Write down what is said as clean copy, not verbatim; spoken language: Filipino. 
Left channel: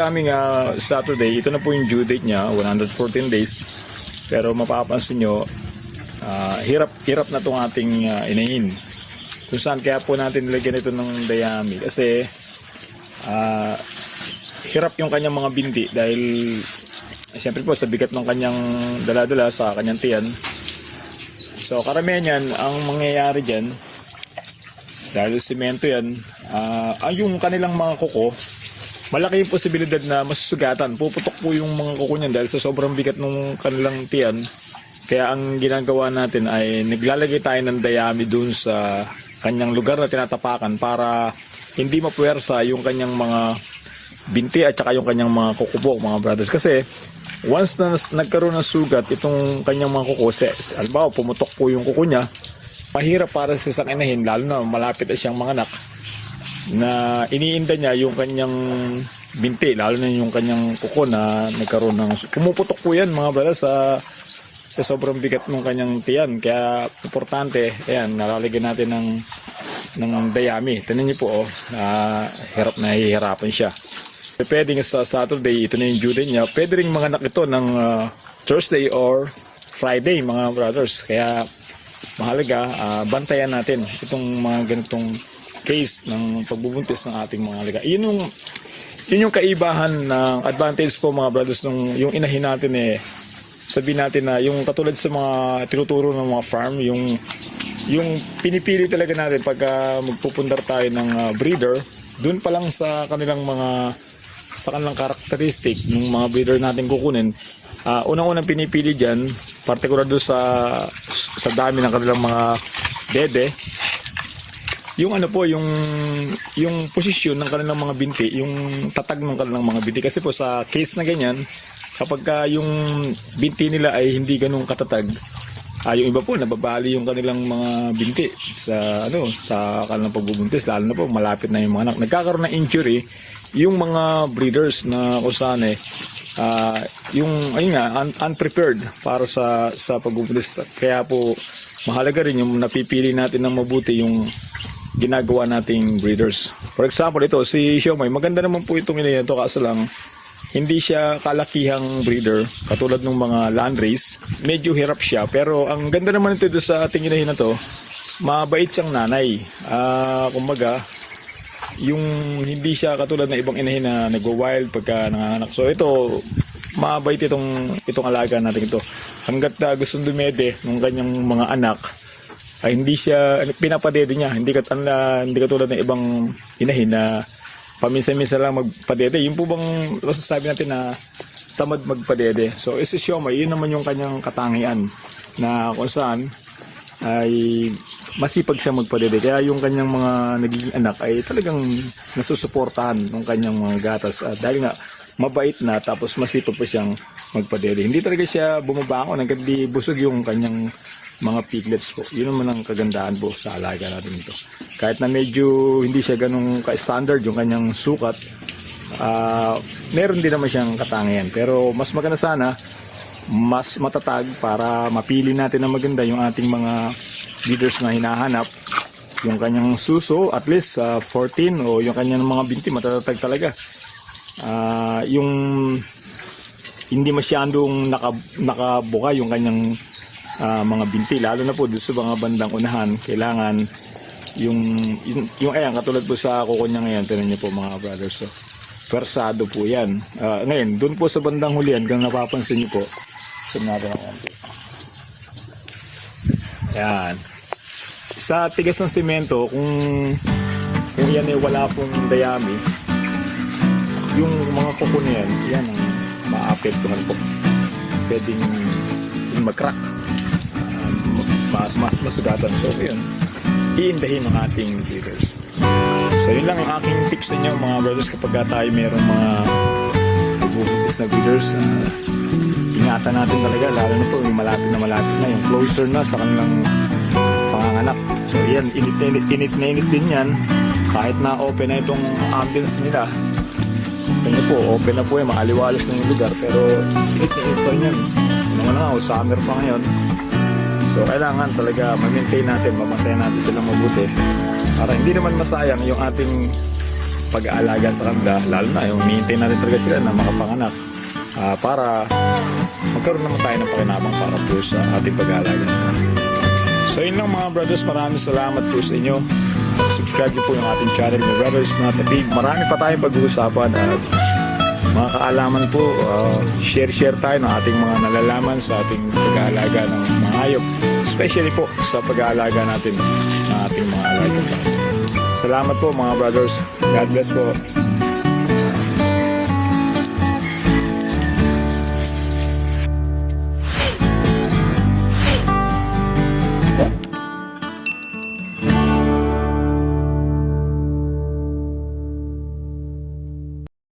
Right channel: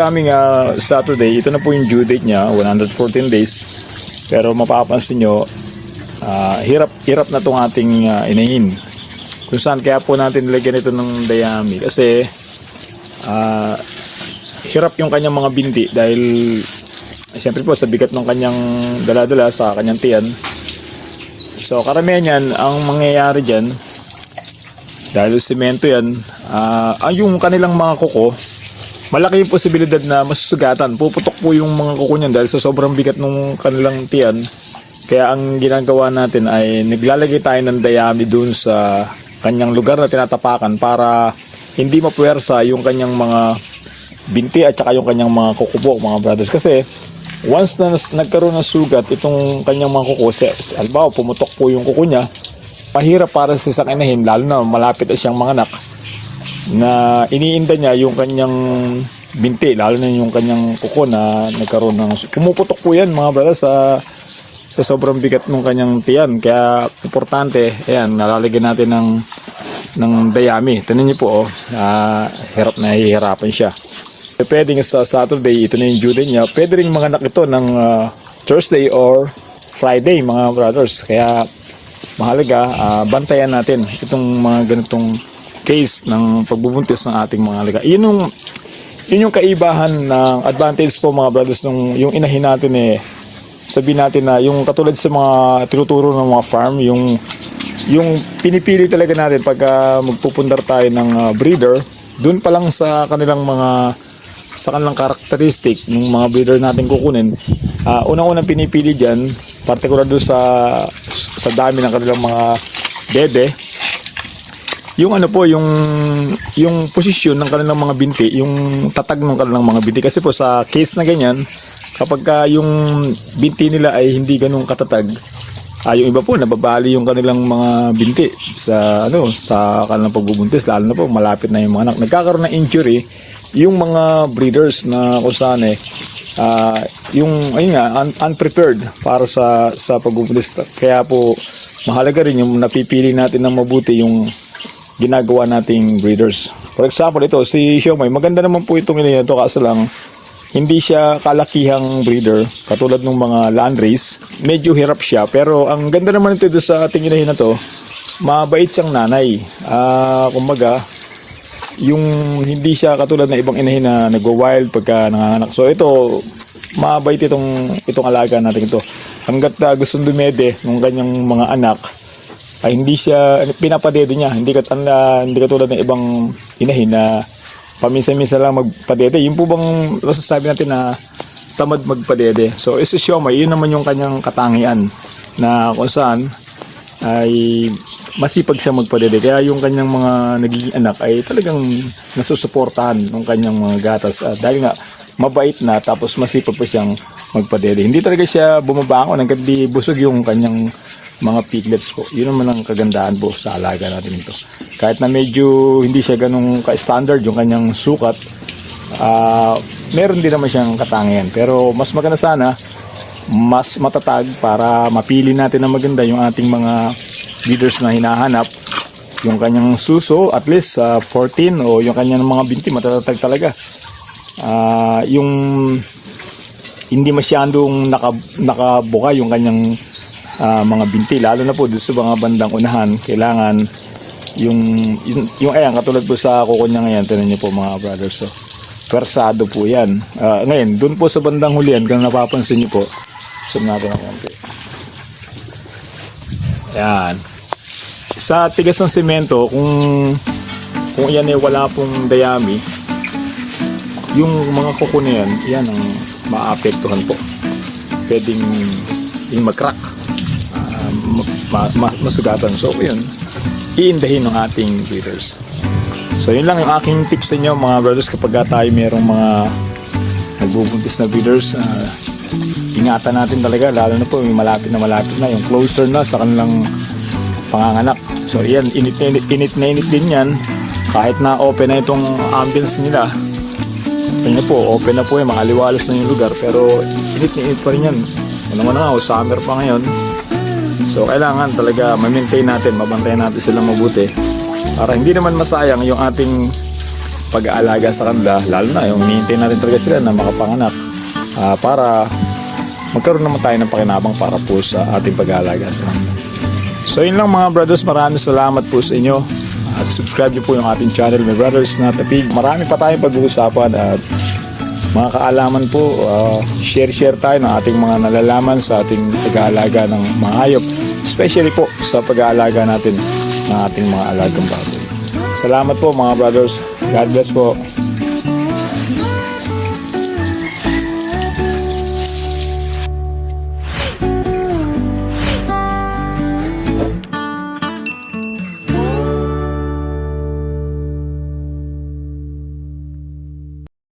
Coming Saturday, ito na po yung due date niya, 114 days. Pero mapapansin nyo, hirap na itong ating inahin. Kung saan kaya po natin nilagyan ito ng dayami. Kasi hirap yung kanyang mga binti dahil siyempre po sa bigat ng kanyang dala-dala sa kanyang tiyan. So karamihan yan, ang mangyayari dyan, dahil semento yan, yung kanilang mga kuko, malaki yung posibilidad na masusugatan. Puputok po yung mga kuko niyan dahil sa sobrang bigat ng kanilang tiyan. Kaya ang ginagawa natin ay naglalagay tayo ng dayami dun sa kanyang lugar na tinatapakan para hindi mapuwersa yung kanyang mga binti at saka yung kanyang mga kuko, mga brothers. Kasi once na nagkaroon ng sugat itong kanyang mga kuko, halimbawa pumutok po yung kuko niya, mahirap para sa isang inahin, lalo na malapit na siyang manganak, na iniinda niya yung kanyang binti, lalo na yung kanyang kuko na nagkaroon ng pumuputok po yan, mga brother, sa sobrang bigat ng kanyang tiyan. Kaya importante, ayan, nalalagyan natin ng dayami. Tingnan niyo po, hirap na hihirapan siya. Pwedeng sa Saturday, ito na yung due date niya. Pwede rin manganak ito ng Thursday or Friday, mga brothers. Kaya mahalaga, bantayan natin itong mga ganitong case ng pagbubuntis ng ating mga alaga. Yun yung kaibahan ng advantage po, mga brothers, yung inahin natin sabihin natin na yung katulad sa mga tinuturo ng mga farm, yung pinipili talaga natin pagka magpupundar tayo ng breeder, dun pa lang sa kanilang karakteristik ng mga breeder natin kukunin, unang-unang pinipili dyan, partikular doon sa dami ng kanilang mga bebe, yung yung posisyon ng kanilang mga binti, yung tatag ng kanilang mga binti. Kasi po sa case na ganyan, kapag yung binti nila ay hindi ganun katatag, yung iba po nababali yung kanilang mga binti sa kanilang pagbubuntis, lalo na po malapit na yung mga anak. Nagkakaroon ng injury yung mga breeders na kung saan unprepared para sa pagbubuntis. Kaya po mahalaga rin yung napipili natin ng mabuti yung ginagawa nating breeders. For example, ito si Siomay, maganda naman po itong inahin ito, kaso lang hindi siya kalakihang breeder katulad ng mga landrace. Medyo hirap siya, pero ang ganda naman ito sa ating inahin na to, mabait siyang nanay. Kumbaga, yung hindi siya katulad ng ibang inahin na nagwa-wild pagka nanganganak. So ito, mabait itong alaga natin ito. Hanggat gustong dumede ng kanyang mga anak, ay hindi siya pinapadede niya, hindi katulad ng ibang inahin na paminsan-minsan lang magpadede. Yung po bang masasabi natin na tamad magpadede? So si Siomay, yun naman yung kanyang katangian na kung saan ay masipag siya magpadede. Kaya yung kanyang mga nagiging anak ay talagang nasusuportahan ng kanyang mga gatas. Dahil nga mabait na, tapos masipag pa siyang magpadede. Hindi talaga siya bumabangon hanggang di busog yung kanyang mga piglets po. Yun naman ang kagandahan po sa alaga natin ito. Kahit na medyo hindi siya ganun ka-standard yung kanyang sukat, meron din naman siyang katangian. Pero mas maganda sana, mas matatag para mapili natin na maganda yung ating mga leaders na hinahanap. Yung kanyang suso, at least 14, o yung kanyang mga binti, matatatag talaga. Yung hindi masyadong nakabuka yung kanyang mga binti, lalo na po doon sa mga bandang unahan. Kailangan yung ayan, katulad po sa kuko niya ngayon, tinan niyo po, mga brothers, so persado po yan. Ngayon doon po sa bandang hulihan, kung napapansin niyo po, sum natin ang konti, yan, sa tigas ng semento, kung yan ay wala pong dayami, yung mga kuko na yan ang maapektuhan po. Pwedeng yung mag-crack, masugatan. So yun, iindahin ng ating breeders. So yun lang ang aking tips sa inyo, mga brothers, kapag tayo mayroong mga nagbubuntis na breeders. Ingatan natin talaga, lalo na po yung malapit na yung closer na sa kanilang panganganak. So yan, init din yan, kahit na open na itong ambience nila. Tingnan po, open na po yung makaliwalas ng lugar, pero init pa rin yan. Alam mo na nga, summer pa ngayon. So kailangan talaga ma-maintain natin, mabantayan natin silang mabuti para hindi naman masayang yung ating pag-aalaga sa kanila, lalo na yung maintain natin talaga sila na makapanganak para magkaroon naman tayo ng pakinabang para po sa ating pag-aalaga sa kanila. So yun lang mga brothers, maraming salamat po sa inyo. Subscribe niyo po yung ating channel na Brothers na Tapig. Marami pa tayong pag-uusapan at mga kaalaman po, share tayo ng ating mga nalalaman sa ating pag-aalaga ng mga hayop, especially po sa pag-aalaga natin ng ating mga alagang baboy. Salamat po mga brothers. God bless po.